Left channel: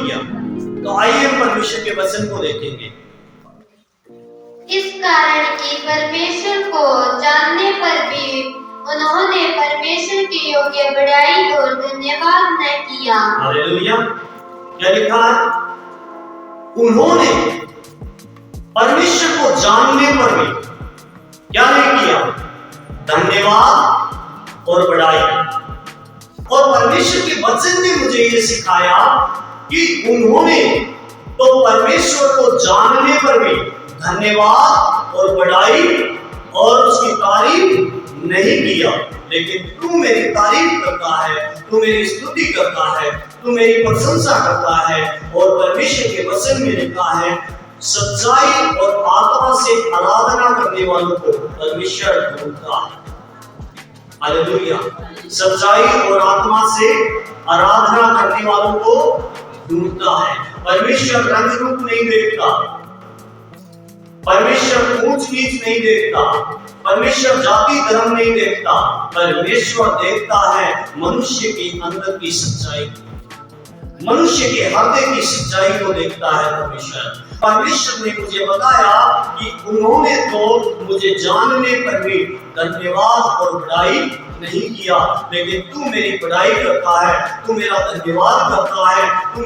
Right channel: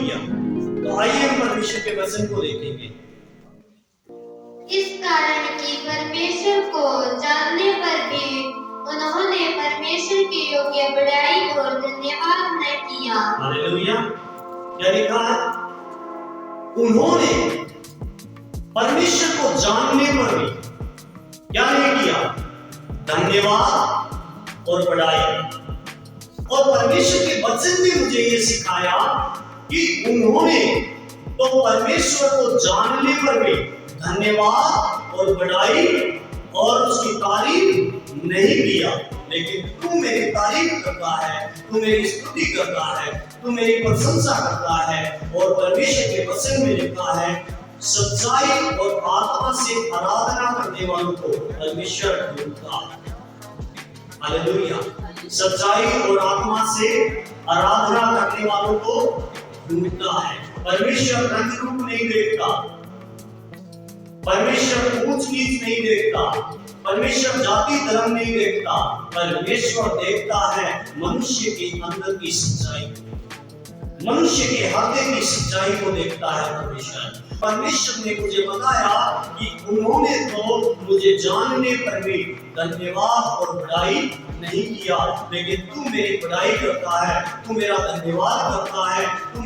Hallelujah. तो आइए परमेश्वर के वचन को देखेंगे। इस कारण कि परमेश्वर को जानने पर भी उन्होंने परमेश्वर के योग्य बड़ाई और धन्यवाद न किया। हालेलुया। क्या लिखा है? उन्होंने परमेश्वर को जानने पर भी क्या नहीं किया? धन्यवाद और बड़ाई। और परमेश्वर के वचन ने मुझे ये सिखाया कि उन्होंने तो परमेश्वर को जानने पर भी धन्यवाद और बड़ाई और उसकी तारीफ नहीं किया। लेकिन तू मेरी तारीफ करता है, तू मेरी स्तुति करता है, तू मेरी प्रशंसा करता है। और परमेश्वर के वचन में लिखा है, सच्चाई और आत्मा से आराधना करने वालों को परमेश्वर ढूंढता है। हालेलुया। सच्चाई और आत्मा से आराधना करने वालों को ढूंढता है। परमेश्वर रंग रूप नहीं देखता, परमेश्वर ऊंच नीच नहीं देखता, परमेश्वर जाति धर्म नहीं देखता। परमेश्वर देखता है मनुष्य के अंदर की सच्चाई, मनुष्य के हृदय की सच्चाई को देखता है परमेश्वर। परमेश्वर ने मुझे बताया कि उन्होंने तो मुझे जानने पर भी धन्यवाद और बड़ाई नहीं किया, लेकिन तू मेरी बड़ाई करता है, तू मेरा धन्यवाद करता है, तू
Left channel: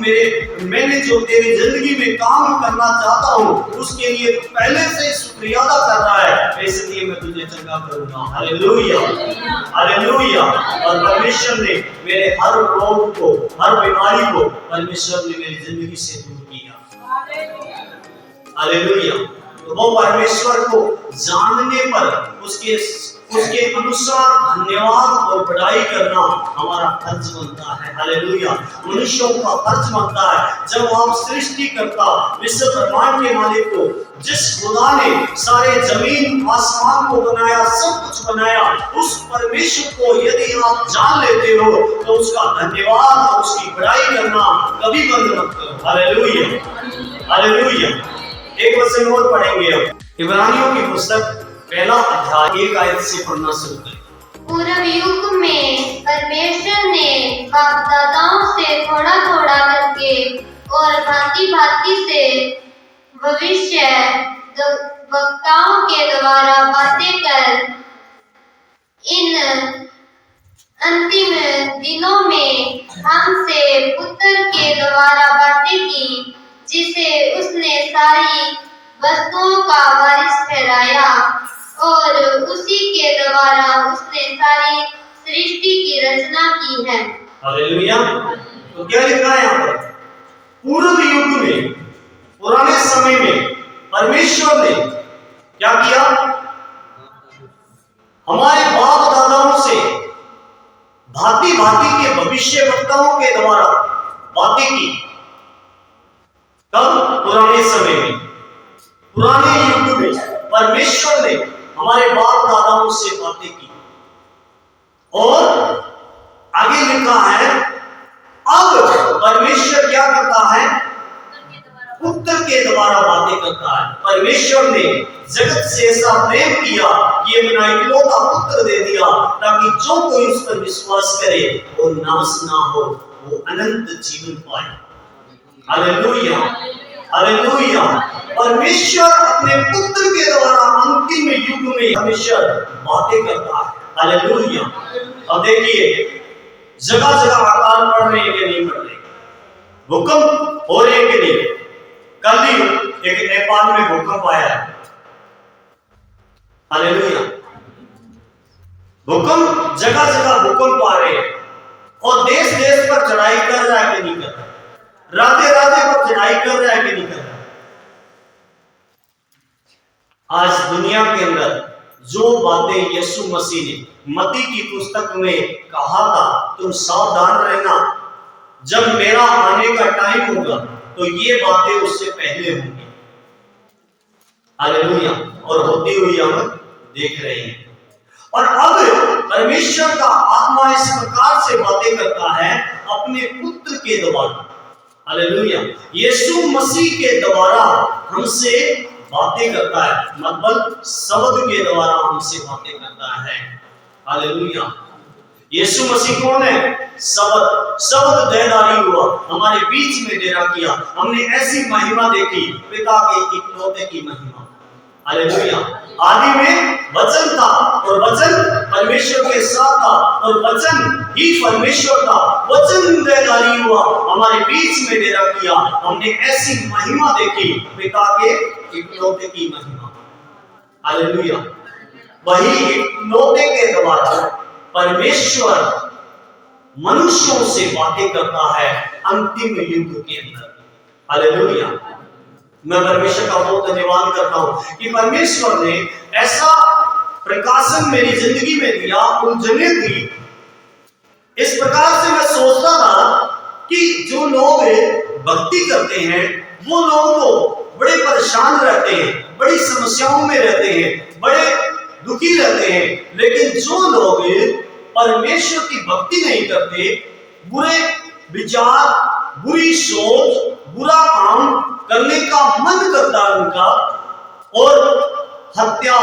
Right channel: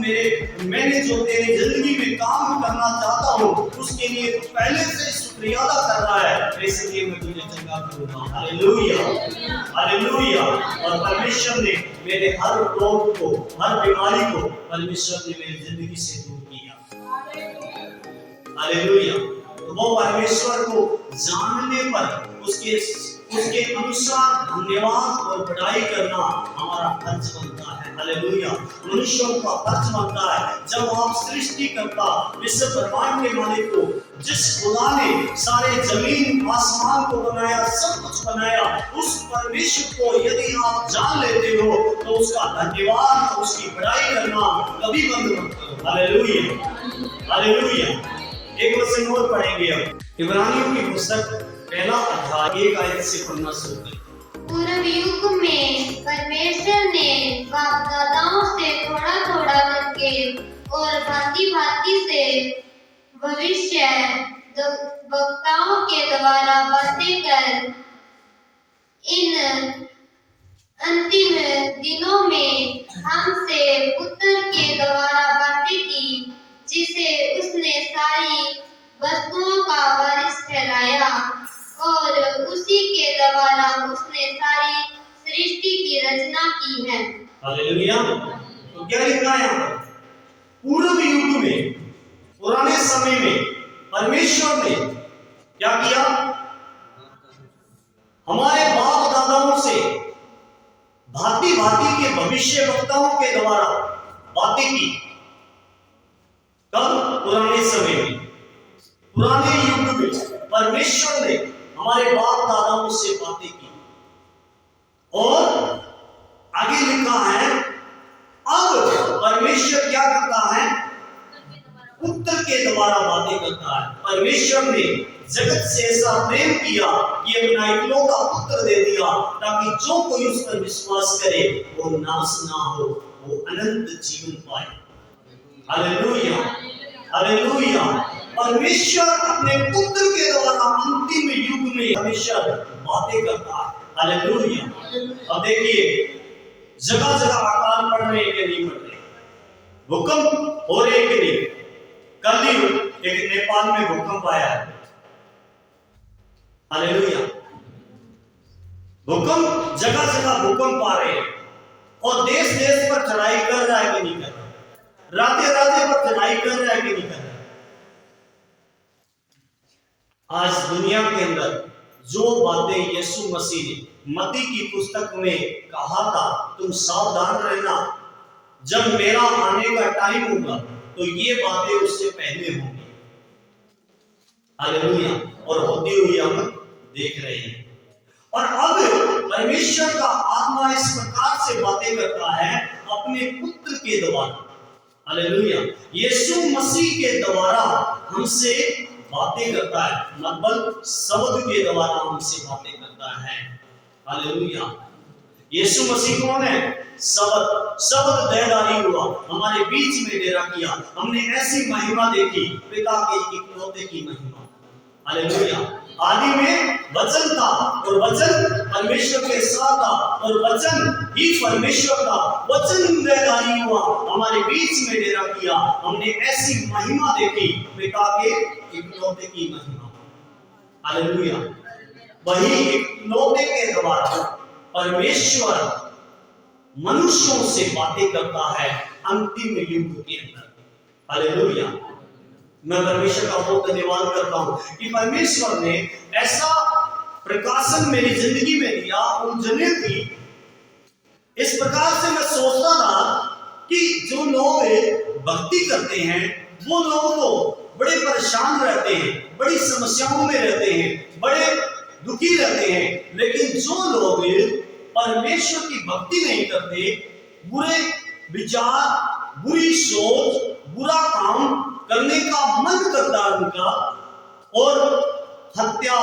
मैंने जो तेरी जिंदगी में काम करना चाहता हूँ उसके लिए तू पहले से शुक्रिया अदा कर रहा है, इसलिए मैं तुझे चंगा करूंगा। Hallelujah, hallelujah. और परमेश्वर ने मेरे हर रोग को, हर बीमारी को परमेश्वर ने मेरी जिंदगी से दूर किया। हालेलुया। तो वो परमेश्वर को जानने पर उसके अनुसार धन्यवाद और बड़ाई करना हमारा फर्ज बनता है। हालेलुया। मनुष्यों का फर्ज बनता है। जब आप सृष्टि करता विश्व ब्रह्मांड के मालिक को, जिस खुदा ने सारे जमीन आसमान को बनाया, सब कुछ बनाया, उस परमेश्वर को यदि आप जान लेते हो तो उसका धन्यवाद और उसकी बड़ाई करना कभी बंद मत करो। Hallelujah, hallelujah. एक वचन और पढ़ेंगे अब। इब्रानियों की पुस्तक पहला अध्याय 1 आयत से पढ़ना शुरू करें। पूर्व युग में परमेश्वर ने बाप दादाओं से थोड़ा थोड़ा करके और भांति भांति से भविष्य वक्ताओं के द्वारा बातें कर इन अंतिम दिनों में हमसे पुत्र के द्वारा बातें की, जिसे उसने सारी वस्तुओं का वारिस ठहराया और उसी के द्वारा उसने सारी सृष्टि की रचना की है। हालेलुया। तो क्या लिखा है यहाँ पर? पूर्व युग में, पुराने समय में परमेश्वर ने क्या किया? हमारे बाप दादाओं से भांति भांति के भविष्य वक्ताओं के द्वारा बातें की। कब? पुराने समय में, पुराने युग में परमेश्वर ने हमारे बाप दादाओं से बातें की। और आगे लिखा है, अब परमेश्वर क्या करता है? पुत्र के द्वारा बातें करता है। परमेश्वर ने जगत से ऐसा प्रेम किया कि अपना इकलौता पुत्र दे दिया, ताकि जो कोई उस पर विश्वास करे वो नाश ना हो, वो अनंत जीवन पाए। Hallelujah, hallelujah. परमेश्वर अपने पुत्र के द्वारा अंतिम युग में परमेश्वर बातें करता है। हालेलुया। अब देखिए, जगह जगह अकाल पड़ रहे हैं कि नहीं पड़ रहे, भूकंप हो रहे कि नहीं। कल ही एक नेपाल में भूकंप आया है। हालेलुया। भूकंप, जगह जगह भूकंप आ रहे हैं और देश देश पर चढ़ाई कर रहा है कि नहीं कर रहा, राधे राधे पर चढ़ाई कर रहा है कि नहीं कर रहा। आज दुनिया के अंदर जो बातें यीशु मसीह ने मत्ती की पुस्तक में कहा था, तुम सावधान रहना, जब मेरा आने का टाइम होगा तो ये बातें उससे पहले होंगी। हालेलुया। और होती हुई हम देख रहे हैं। और अब परमेश्वर का आत्मा इस प्रकार से बातें करता है अपने पुत्र के द्वारा। हालेलुया। यीशु मसीह के द्वारा हमसे बातें करता है, मतलब शब्द के द्वारा हमसे बातें करता है। हालेलुया। यीशु मसीह कौन है? शब्द। शब्द देहधारी हुआ, हमारे बीच में डेरा किया। हमने ऐसी महिमा देखी, पिता के इकलौते की महिमा। हालेलुया। आदि में वचन था और वचन परमेश्वर के साथ था और वचन ही परमेश्वर था। वचन देहधारी हुआ, हमारे बीच में डेरा किया। हमने ऐसी महिमा देखी, पिता के इकलौते की महिमा। हालेलुया। वही इकलौते के द्वारा परमेश्वर मनुष्यों से बातें करता है अंतिम युग के अंदर। हालेलुया। मैं परमेश्वर का बहुत धन्यवाद करता हूं कि परमेश्वर ने ऐसा प्रकाशन मेरी जिंदगी में दिया, उलझने दी। इस प्रकार से मैं सोचता था कि जो लोग भक्ति करते हैं वो लोग तो बड़े परेशान रहते हैं, बड़ी समस्याओं में रहते हैं, बड़े दुखी रहते हैं। लेकिन जो लोग परमेश्वर की भक्ति नहीं करते, बुरे विचार, बुरी सोच, बुरा काम करने का मन करता है उनका, और हत्या,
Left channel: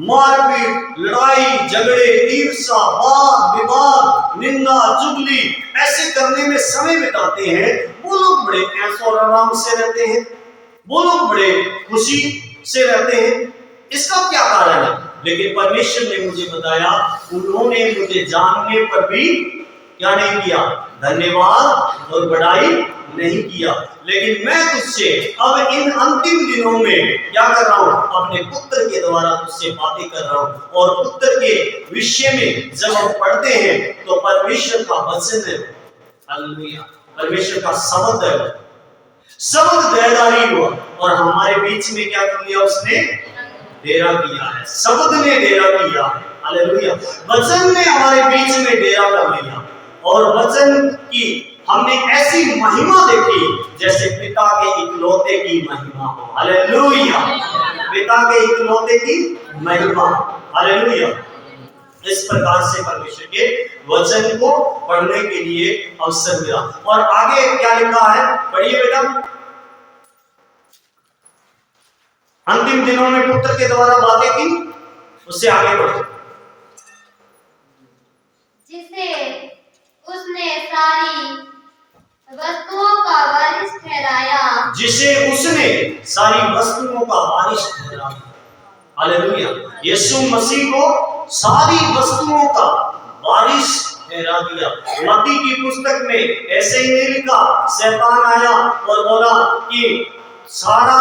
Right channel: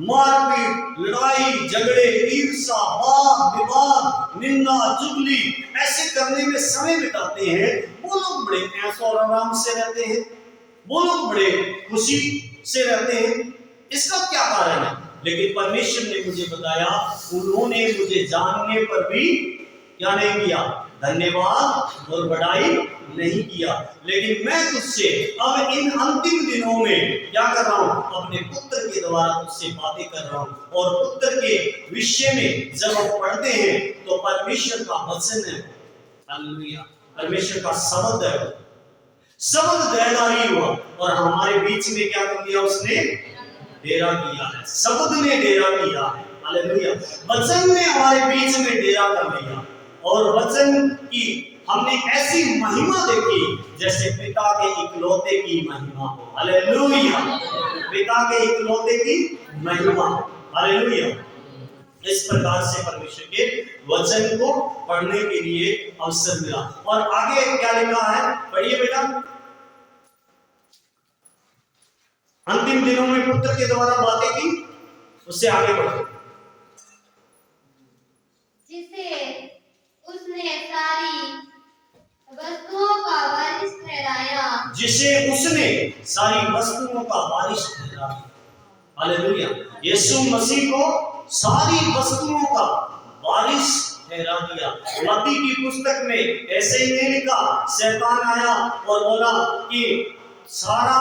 मारपीट, लड़ाई झगड़े, ईर्ष्या, वाद विवाद, निंदा, चुगली ऐसे करने में समय बिताते हैं, वो लोग बड़े ऐश और आराम से रहते हैं, वो लोग बड़े खुशी से रहते हैं। इसका क्या कारण है? लेकिन परमेश्वर ने मुझे बताया, उन्होंने मुझे जानने पर भी क्या नहीं किया? धन्यवाद और बड़ाई नहीं किया। लेकिन मैं तुझसे अब इन अंतिम दिनों में क्या कर रहा हूं? अपने पुत्र के द्वारा तुझसे बातें कर रहा हूं। और पुत्र के विषय में जब हम पढ़ते हैं तो परमेश्वर का वचन है, हालेलुया, परमेश्वर का शब्द है, शब्द देहधारी हुआ और हमारे बीच में क्या कर लिया? उसने डेरा किया है। शब्द ने डेरा किया है। हालेलुया। वचन ने हमारे बीच में डेरा कर लिया और वचन की हमने ऐसी महिमा देखी जैसे पिता के इकलौते की महिमा हो। हालेलुया। पिता के इकलौते की महिमा। हालेलुया। इस प्रकार से परमेश्वर के वचन को पढ़ने के लिए अवसर मिला। और आगे क्या लिखा है? पढ़िए बेटा। अंतिम दिनों में पुत्र के द्वारा बातें की, उससे आगे बढ़ो। जिसे उसने सारी वस्तुओं का वारिस ठहराया। जिसे उसने सारी वस्तुओं का वारिस ठहराया। हालेलुया। यीशु मसीह को सारी वस्तुओं का वारिस ठहरा दिया। मत्ती की पुस्तक में ऐसे ही नहीं लिखा, शैतान आया और बोला कि सारा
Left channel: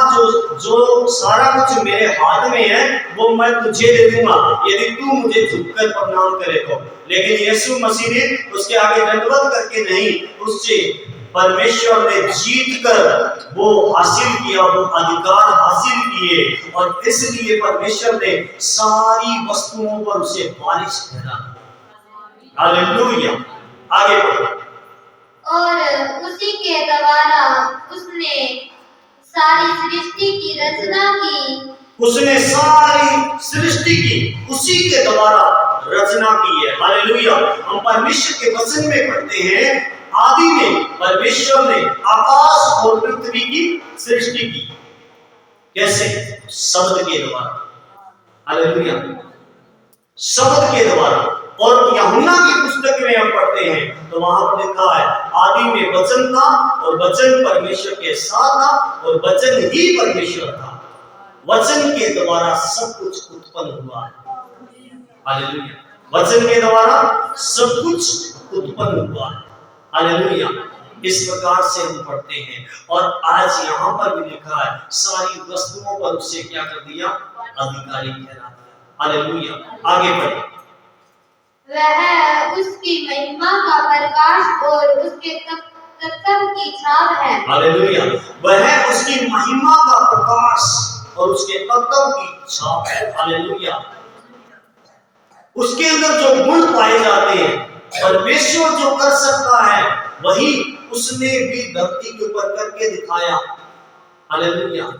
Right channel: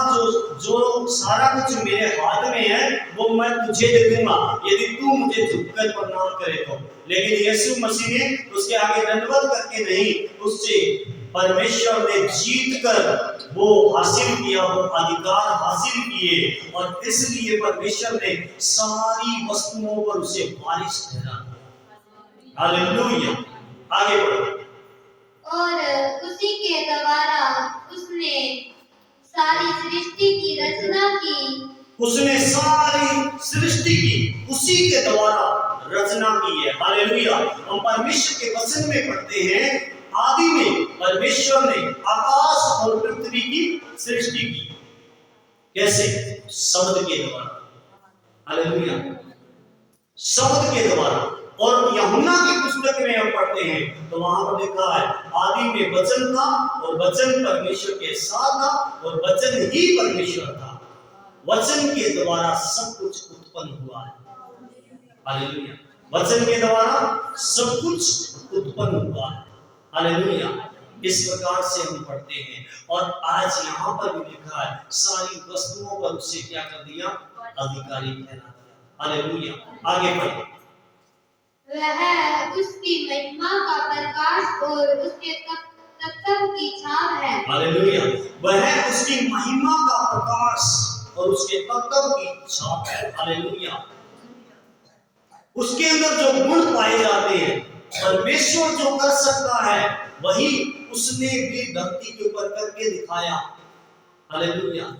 जो सारा कुछ मेरे हाथ में है वो मैं तुझे दे दूंगा यदि तू मुझे झुककर प्रणाम करे तो। लेकिन यीशु मसीह ने उसके आगे दंडवत करके नहीं, उससे परमेश्वर ने जीत कर वो हासिल किया, वो अधिकार हासिल किए और इसलिए परमेश्वर ने सारी वस्तुओं पर उसे वारिस ठहरा। हालेलुया। आगे बढ़ो। और उसी के द्वारा उसने सारी सृष्टि की रचना की। उसने सारी सृष्टि की उसी के द्वारा रचना की है। हालेलुया। हम परमेश्वर के वचन में पढ़ते हैं, आदि में परमेश्वर ने आकाश और पृथ्वी की सृष्टि की। कैसे? शब्द के द्वारा। हालेलुया। शब्द के द्वारा। और यूहन्ना की पुस्तक में हम पढ़ते हैं तो वहां पर लिखा है, आदि में वचन था और वचन परमेश्वर के साथ था और वचन ही परमेश्वर था। वचन के द्वारा सब कुछ उत्पन्न हुआ है। हालेलुया। वचन के द्वारा सब कुछ उत्पन्न हुआ है। हालेलुया। इस प्रकार से हम पढ़ते हैं और आज यहाँ पर भी लिखा है, सारी वस्तुओं पर उसे क्या कर दिया? अधिकारी ठहरा दिया। हालेलुया। आगे बढ़े। वह उसकी महिमा का प्रकाश और उसके तत्व की छाप है। हालेलुया। वह उसकी महिमा का प्रकाश और उसके तत्व की छाप है। हालेलुया। उसके अंदर जो गुण पाए जाते हैं, परमेश्वर जो कर सकता है वही उसने भी धरती के ऊपर करके दिखाया। हालेलुया।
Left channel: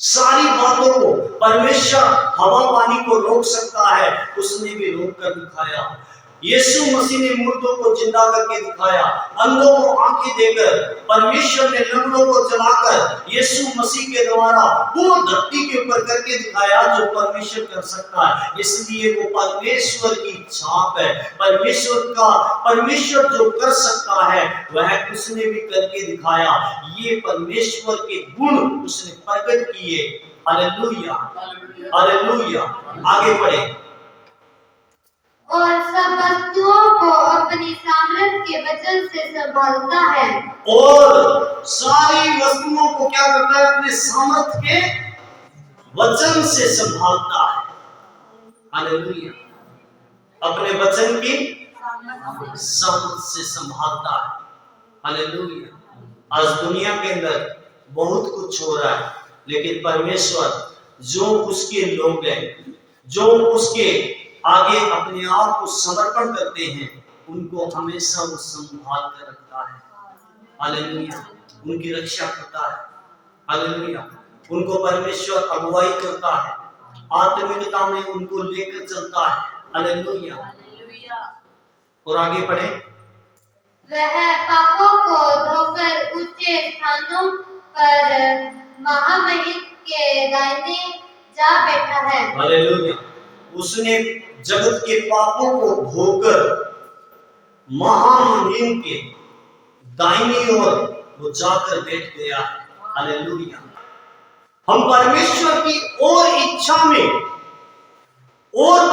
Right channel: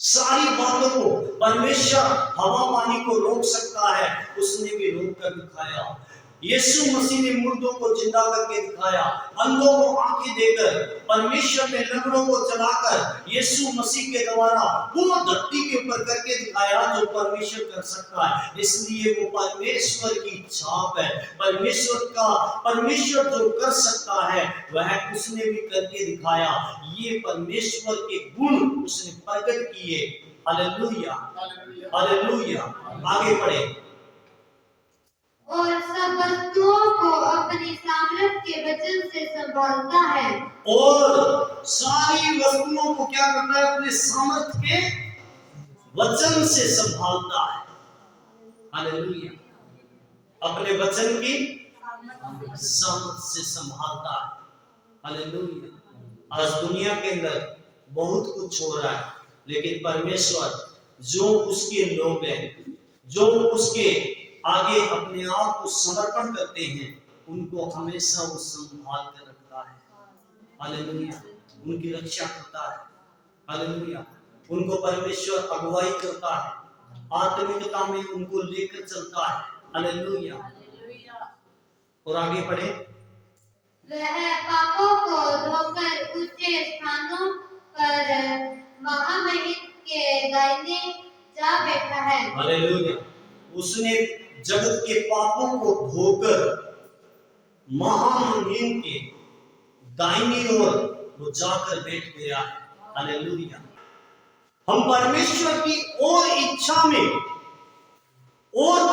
सारी बातों को परमेश्वर हवा पानी को रोक सकता है, उसने भी रोक कर दिखाया। यीशु मसीह ने मुर्दों को जिंदा करके दिखाया, अंधों को आंखें देकर, परमेश्वर ने लंगड़ों को चलाकर यीशु मसीह के द्वारा वो धरती के ऊपर करके दिखाया जो परमेश्वर कर सकता है। इसलिए वो परमेश्वर की छाप है। परमेश्वर जो कर सकता है वह उसने भी करके दिखाया। ये परमेश्वर के गुण उसने प्रकट किए। Hallelujah, hallelujah. आगे बढ़े। और सब वस्तुओं को अपनी सामर्थ्य के वचन से संभालता है। और सारी वस्तुओं को क्या करता है? अपने सामर्थ्य के वचन से संभालता है। हालेलुया। अपने वचन की सामर्थ्य से संभालता है। हालेलुया। आज दुनिया के अंदर बहुत कुछ हो रहा है, लेकिन परमेश्वर जो उसके लोग हैं, जो उसके आगे अपने आप को समर्पण करते हैं, उनको हमेशा वो संभाल कर रखता है। हालेलुया। उनकी रक्षा करता है। हालेलुया। उनको परमेश्वर अगुवाई करता है, आत्मिकता में उनको लेकर चलता है। हालेलुया। और आगे पढ़े। वह पापों को धोकर ऊंचे स्थानों पर महामहिम के दाहिने जा बैठा है। हालेलुया। उसने जगत के पापों को धोकर महामहिम के दाहिनी ओर वो जाकर बैठ गया है। हालेलुया। हम परमेश्वर की और इच्छा में और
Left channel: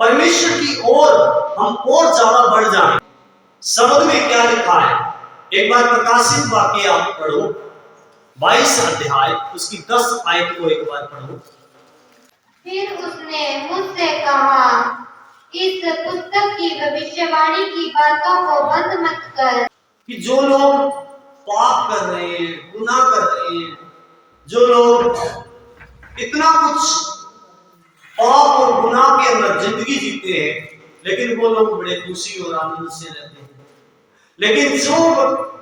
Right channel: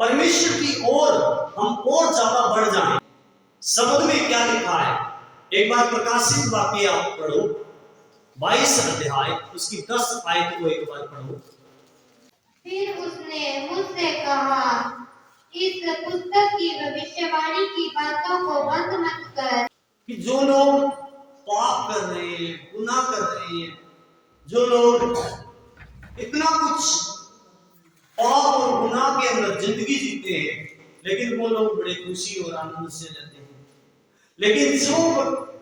परमेश्वर की ओर हम और ज्यादा बढ़ जाएं। शब्द में क्या लिखा है? एक बार प्रकाशित वाक्य आप पढ़ो, 22 अध्याय उसकी 10 आयत को एक बार पढ़ो। फिर उसने मुझसे कहा, इस पुस्तक की भविष्यवाणी की बातों को बंद मत कर। कि जो लोग पाप कर रहे हैं, गुनाह कर रहे हैं, जो लोग इतना कुछ पाप और गुनाह के अंदर जिंदगी जीते हैं, लेकिन वो लोग बड़े खुशी और आनंद से रहते हैं। लेकिन जो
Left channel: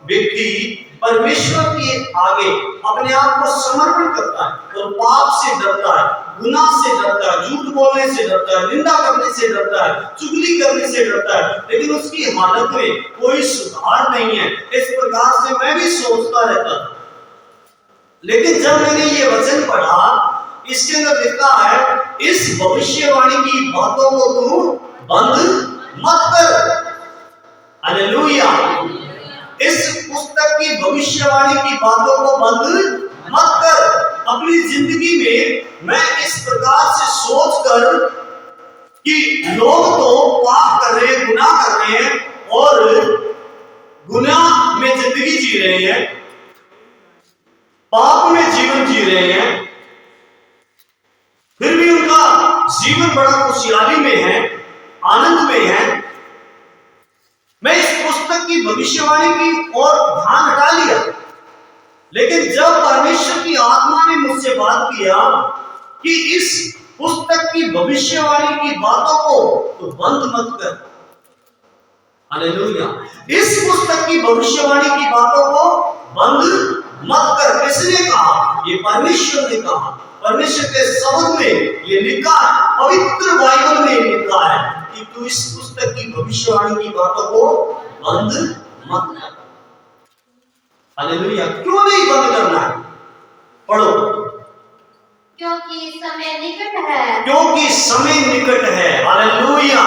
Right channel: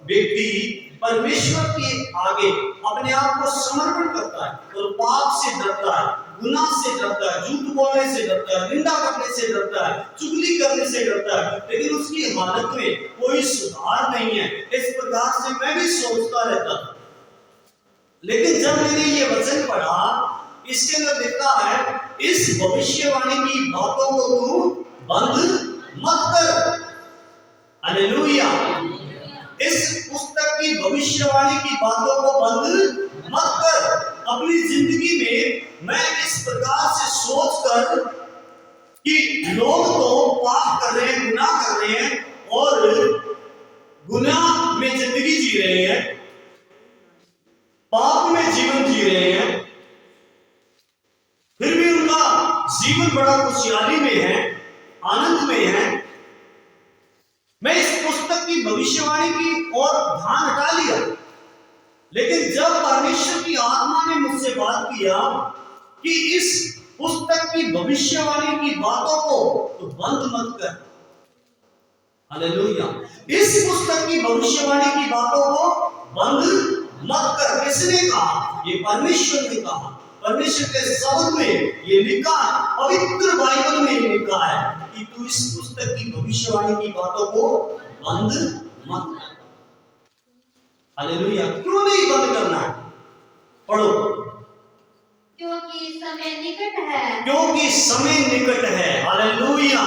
व्यक्ति परमेश्वर के आगे अपने आप को समर्पण करता है और पाप से डरता है, गुनाह से डरता है, झूठ बोलने से डरता है, निंदा करने से डरता है, चुगली करने से डरता है, लेकिन उसकी हालत में कोई सुधार नहीं है, इस प्रकार से मैं भी सोचता रहता था। लेकिन जब मैंने ये वचन पढ़ा, इसके अंदर लिखा है, इस भविष्यवाणी की बातों को तू बंद मत कर। हालेलुया। इस पुस्तक की भविष्यवाणी की बातों को बंद मत कर। अपनी जिंदगी में मैं इस प्रकार से सोचकर कि लोग तो पाप कर रहे हैं, गुनाह कर रहे हैं और गुनाह में जिंदगी जी रहे हैं, पाप में जीवन जी रहे हैं, फिर भी उनका जीवन बड़ा खुशहाली में है, आनंद में है। मैं इस पुस्तक की भविष्यवाणी की ओर ध्यान हटा लिया, लेकिन जब परमेश्वर की आत्मा ने मुझसे बात किया कि इस पुस्तक की भविष्यवाणी की बातों को तो बंद मत कर। हालेलुया। इस पुस्तक की भविष्यवाणी की बातों को बंद मत कर। किसने कहा? ये परमेश्वर ने कहा। परमेश्वर के शब्द में ये लिखा है, पवित्र बाइबल में लिखा है कि तू इस पुस्तक की भविष्यवाणी की बातों को बंद मत कर। हालेलुया। क्यों नहीं बंद करना है? पढ़ो। क्योंकि समय निकट है। क्योंकि समय निकट है। Hallelujah,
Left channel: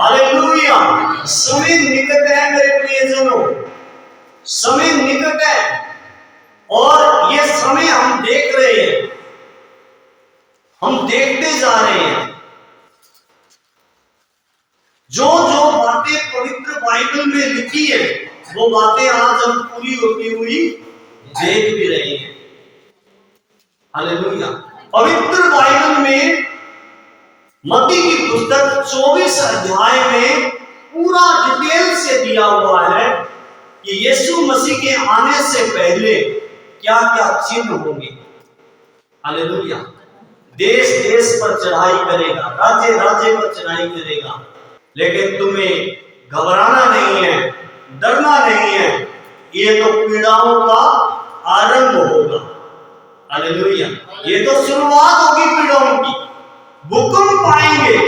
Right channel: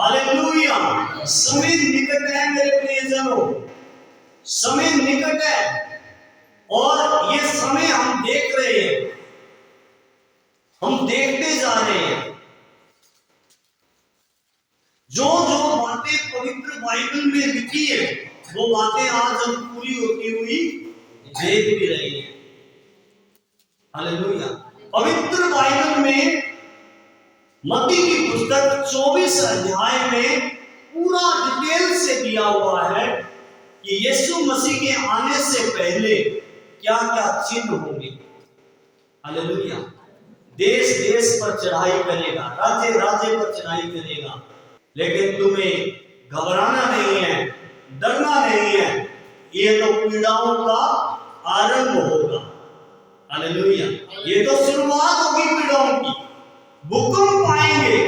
hallelujah. समय निकट है मेरे प्रियजनों, समय निकट है। और ये समय हम देख रहे हैं, हम देखते जा रहे हैं। जो जो बातें पवित्र बाइबल में लिखी है, वो बातें आज हम पूरी होती हुई देख भी रहे हैं। हालेलुया। पवित्र बाइबल में मत्ती की पुस्तक 24 अध्याय में पूरा डिटेल से दिया हुआ है कि यीशु मसीह के आने से पहले क्या क्या चिन्ह होंगे। हालेलुया। देश देश पर चढ़ाई करेगा, राज्य राज्य पर चढ़ाई करेगा, लेकिन तुम्हें घबराना नहीं है, डरना नहीं है। ये तो पीड़ाओं का आरंभ होगा। हालेलुया। ये तो शुरुआत होगी पीड़ाओं की। भूकंप आएंगे,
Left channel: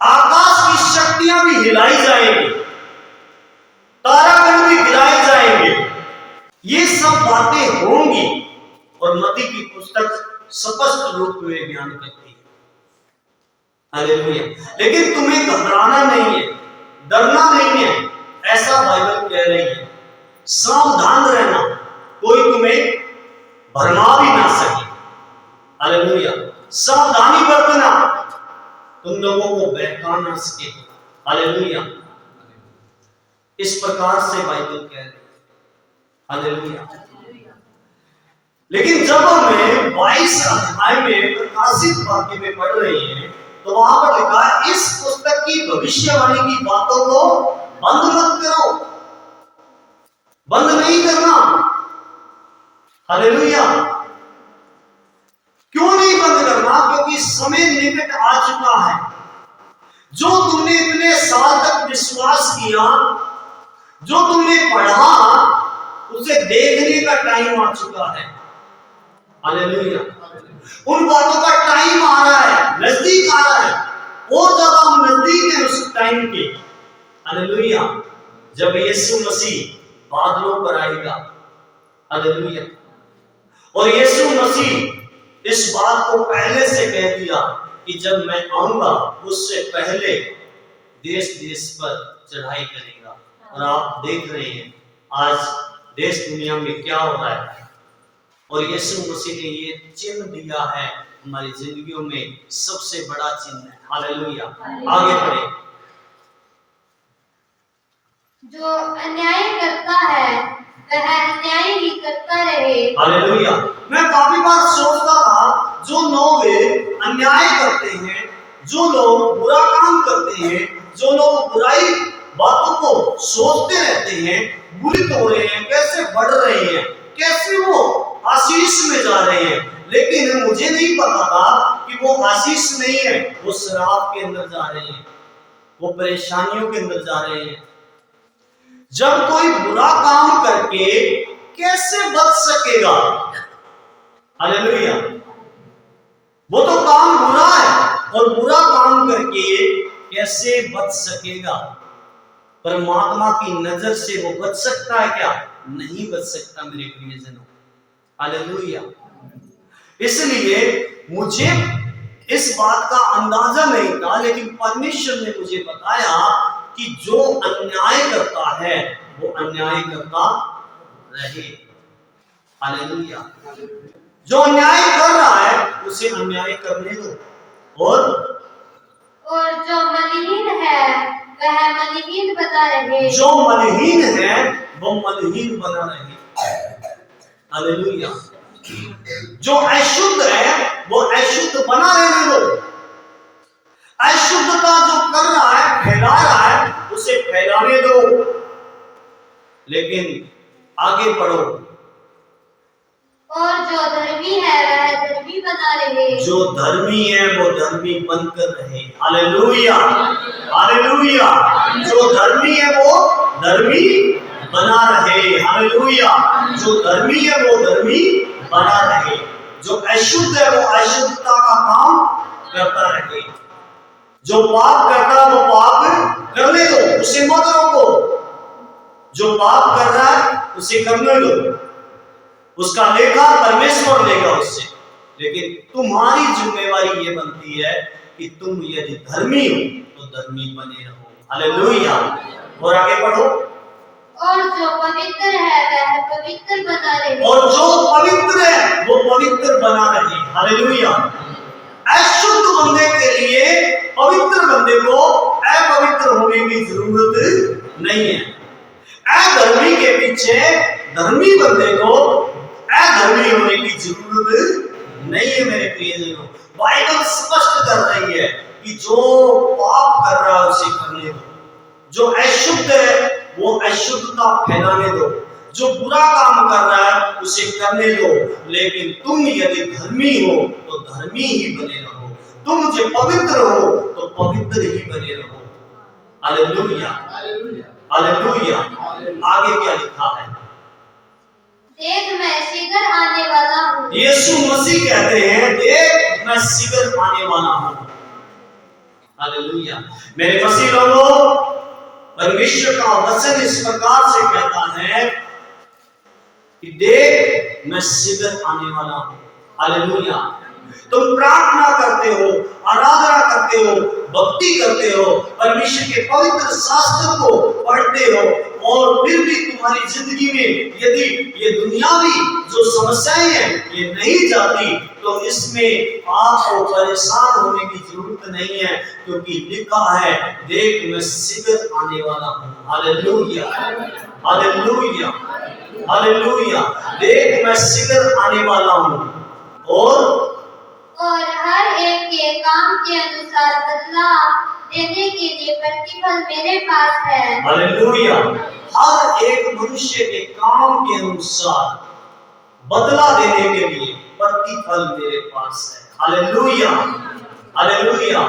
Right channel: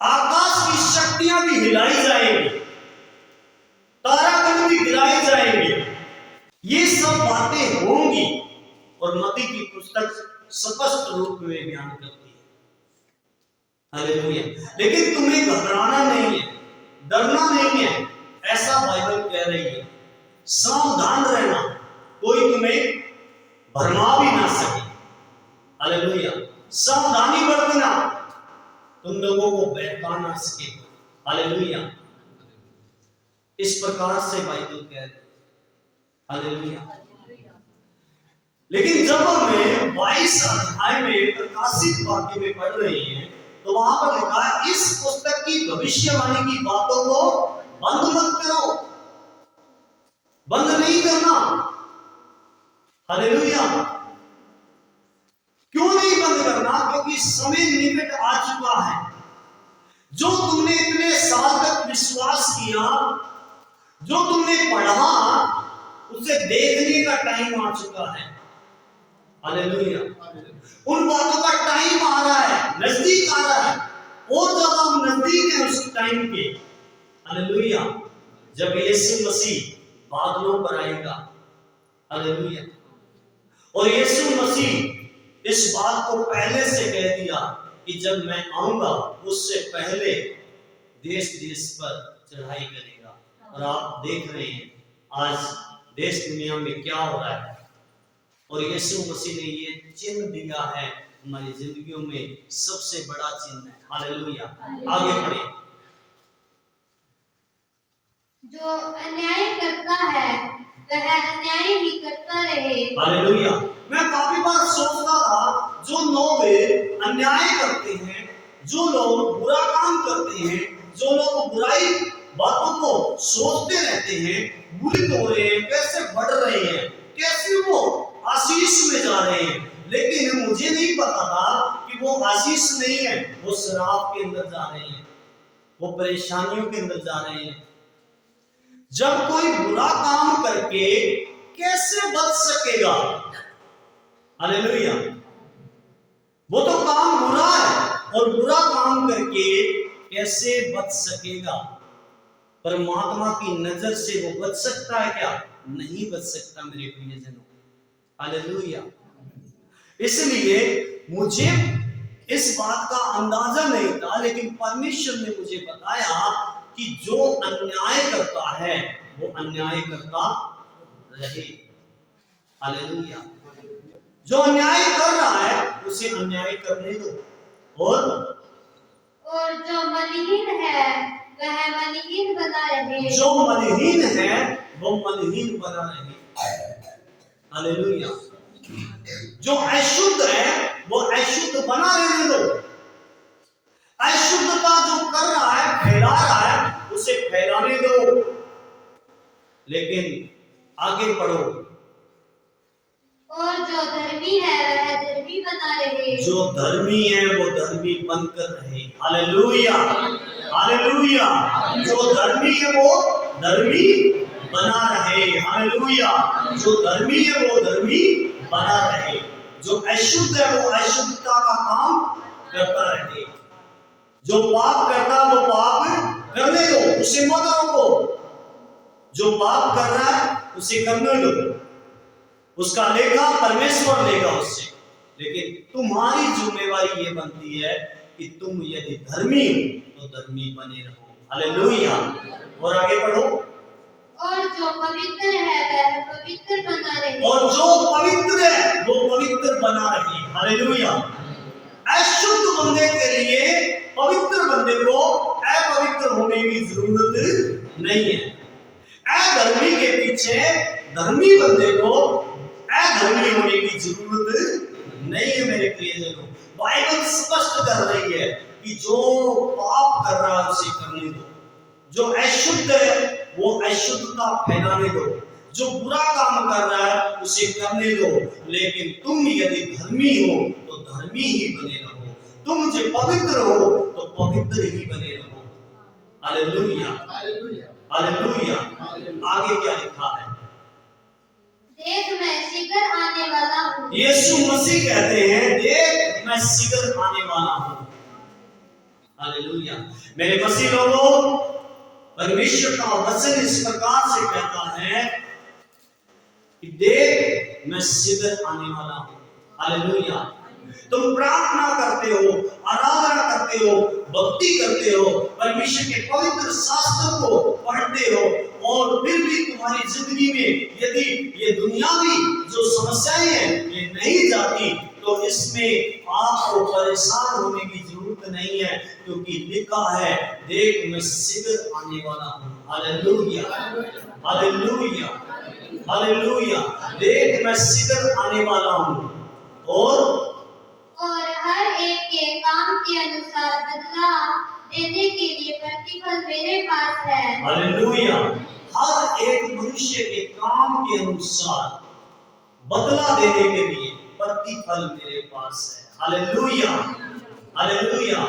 आकाश की शक्तियां भी हिलाई जाएंगी, तारागण भी गिराए जाएंगे। ये सब बातें होंगी और मत्ती की पुस्तक स्पष्ट रूप में बयान करती है। हालेलुया। लेकिन तुम्हें घबराना नहीं है, डरना नहीं है, ऐसा बाइबल कह रही है। सावधान रहना, कोई तुम्हें भरमा भी ना सके। हालेलुया। सावधानी बरतना, तुम लोगों को बहका ना सके। हालेलुया। इस प्रकार से बाइबल कह रही है। हालेलुया। लेकिन जब हमें 22 अध्याय में प्रकाशित वाक्य में पढ़ रहे हैं तो वहां पर लिखा है, इस पुस्तक की भविष्यवाणी की बातों को बंद मत करो। बंद नहीं करना। हालेलुया। क्यों नहीं बंद करना? क्योंकि समय निकट आ चुका है। जो तुमने इतने साल तक विश्वास किया, जो तुमने पढ़ा, उसे देखने का टाइम आ चुका है। हालेलुया। उन बातों का टाइम आ रहा है, नजदीक आ रहा है, और ज्यादा हम नजदीक हैं उस टाइम के। हालेलुया। जब यीशु मसीह बादलों पर आएगा। हालेलुया। और यीशु मसीह इस बात को पहले से कह दिया कि जब मैं आऊंगा उससे पहले देश देश पर चढ़ाई करेगा। और आप देख रहे हैं आज देश दुनिया में क्या हो रहा है, और यीशु मसीह ने ये चिन्ह दिया है हमारी जिंदगियों में, सबसे बड़ा चिन्ह है। हालेलुया। आगे बढ़े। जो अन्याय करता है वह अन्याय ही करता रहे। हालेलुया। मैं काफी बार सोचता था, जो लोग अन्याय करते हैं, जो लोग बुरा काम करते हैं, जो लोग बुराई बातों को सोचते रहते हैं, बुरी हो रहे हैं, कैसे बढ़ रहे हैं, कैसे वो आशीष में जा रहे हैं। लेकिन मुझे नहीं पता था कि वो आशीष नहीं है, वो शराब के अंदर जा रहे हैं, वो परेशानियों के अंदर जा रहे हैं। जब कोई बुरा काम करके कैसे बच सकेगा? हालेलुया। वो तो काम बुरा है, और बुरा काम करके कैसे बच सकेगा? परमात्मा की नजर से वो बच सकता है क्या? नहीं बच सकता मेरे प्रियजनों। हालेलुया। इसलिए मुझे इस बात का अंदाजा नहीं था, लेकिन परमेश्वर ने मुझे बताया कि जो अन्याय करता है वो अन्याय करता रहे। हालेलुया। जो अन्याय कर रहा है उसे अन्याय करने दो, और जो मलिहीन है वह मलिहीन बना रहे। जो मलिहीन है वो मलिहीन बना रहे। हालेलुया। जो अशुद्ध है वो अशुद्ध बना रहने दो। अशुद्धता जो कर रहा है, फैला रहा है, उसे फैलाने दो। लेकिन आगे बढ़ो। और जो धर्मी है वह धर्मी बना रहे। जो धर्मी है वो धर्मी बनकर रहे। हालेलुया। हालेलुया। जो धर्मी है वो धर्मी बना रहे। हालेलुया। जो धर्मी है वो धर्मी बना रहे। जो अशुद्ध है वो अशुद्धता का काम करता रहे। जो पाप करता है वो पाप करने दो, उसे मत रोको। जो पाप कर रहा है उसे करने दो, उसका लेखा परमेश्वर लेगा उससे। लेकिन तुम्हारी जिम्मेवारी ये बनती है कि तुम यदि धर्मी हो तो धर्मी बने रहो। हालेलुया। और आगे बढ़ो। और जो पवित्र है वह पवित्र बना रहे। और जो पवित्र है वो पवित्र बना रहे। हालेलुया। अशुद्ध बंदे के लिए पवित्र बंदे को अपवित्र होने की जरूरत नहीं है। अधर्मी के पीछे धर्मी बंदे को अधर्मी होने की जरूरत नहीं है। मेरे प्रियजनों, बाइबल स्पष्ट कर रही है कि जो पाप कर रहा है उसे करने दो, जो अशुद्ध है वो अशुद्धता फैलाने दो, जो बुरा काम कर रहा है उसे करने दो। लेकिन तुम यदि धर्मी हो तो धर्मी ही बने रहो, तुम जो पवित्र हो तो पवित्र ही बने रहो। हालेलुया। हालेलुया। आगे क्या लिखा है? देख मैं शीघ्र आने वाला हूँ। यीशु मसीह कहते हैं, देख मैं शीघ्र आने वाला हूँ। हालेलुया। मेरे मसीह लोगों, परमेश्वर का वचन इस प्रकार से कहता है कि देख मैं शीघ्र आने वाला हूं। हालेलुया। तुम प्रार्थना करते हो, आराधना करते हो, भक्ति करते हो, परमेश्वर के पवित्र शास्त्र को पढ़ते हो, और फिर भी तुम्हारी जिंदगी में यदि ये दुनियावी जो समस्याएं हैं ये नहीं जाती, तो इसमें आपको परेशान होने की जरूरत नहीं है, क्योंकि लिखा है देख मैं शीघ्र आने वाला हूं। Hallelujah, hallelujah, hallelujah. देख मैं शीघ्र आने वाला हूं, और हर एक के काम के अनुसार बदला देने के लिए प्रतिफल मेरे पास है। हालेलुया। हर एक मनुष्य के काम के अनुसार बदला देने के लिए प्रतिफल मेरे पास है। Hallelujah, hallelujah.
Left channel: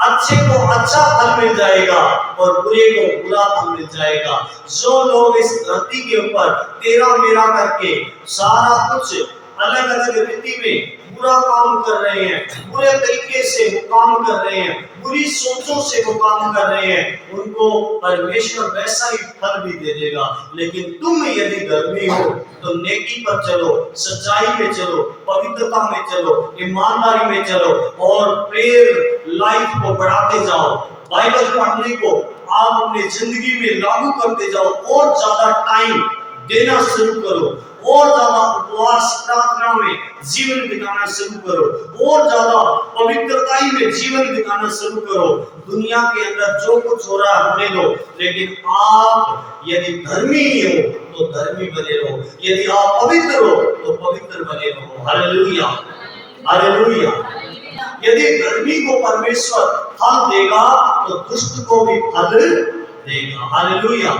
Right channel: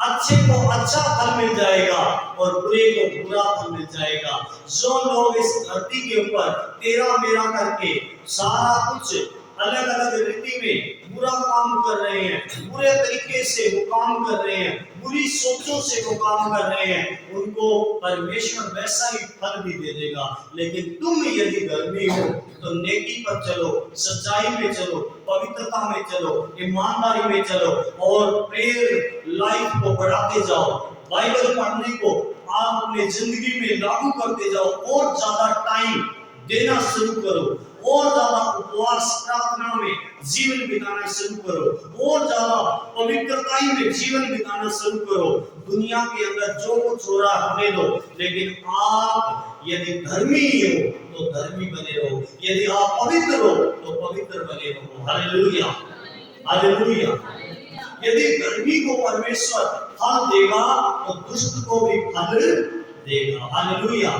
अच्छे को अच्छा फल मिल जाएगा और बुरे को बुरा फल मिल जाएगा। जो लोग इस धरती के ऊपर तेरा मेरा करके सारा कुछ अलग अलग रीति में बुरा काम कर रहे हैं, बुरे तरीके से वो काम कर रहे हैं, बुरी सोचों से वो काम कर रहे हैं, उनको परमेश्वर वैसा ही फल भी दे देगा। लेकिन तुम यदि धर्मी हो तो नेकी पर चलो, सच्चाई में चलो, पवित्रता में चलो, ईमानदारी में चलो, और प्रेयर लाइफ को बढ़ाते जाओ। बाइबल पढ़ने को आप अपनी जिंदगी में लागू करते जाओ, और ज्यादा टाइम देना शुरू करो, और ज्यादा उपवास प्रार्थना में जीवन बिताना शुरू करो, और ज्यादा पवित्रताई में जीवन बिताना शुरू करो। दुनिया के अंदर जो कुछ हो रहा है होने दो, लेकिन आप यदि धर्मी हो तो धर्मी बने रहो, यदि आप पवित्र हो तो पवित्र बने रहो। Hallelujah, hallelujah. यदि धर्मी को परमेश्वर फल देगा तो दुष्ट को भी फल देगा। हालेलुया।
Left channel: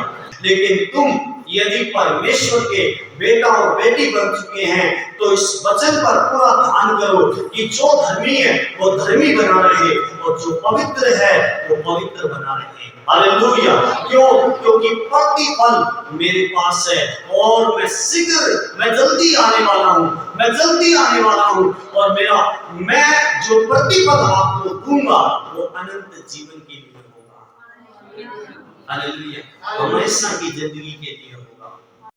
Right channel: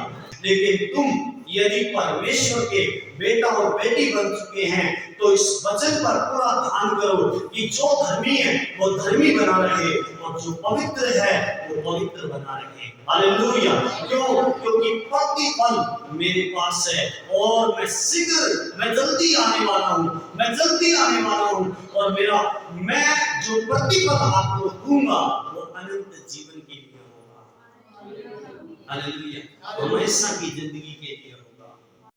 लेकिन तुम यदि परमेश्वर के बेटा और बेटी बन चुके हैं तो इस वचन पर पूरा ध्यान करो कि जो धर्मी है वो धर्मी बना रहे, और जो पवित्र है वो पवित्र बना रहे। हालेलुया। क्यों? क्योंकि प्रतिफल मेरे पास है, और मैं जल्दी आने वाला हूँ, मैं जल्दी आने वाला हूँ, और मैं जो प्रतिफल आपको दूंगा वो अनंत जीवन के लिए होगा। हालेलुया। हमेशा की जिंदगी के लिए होगा।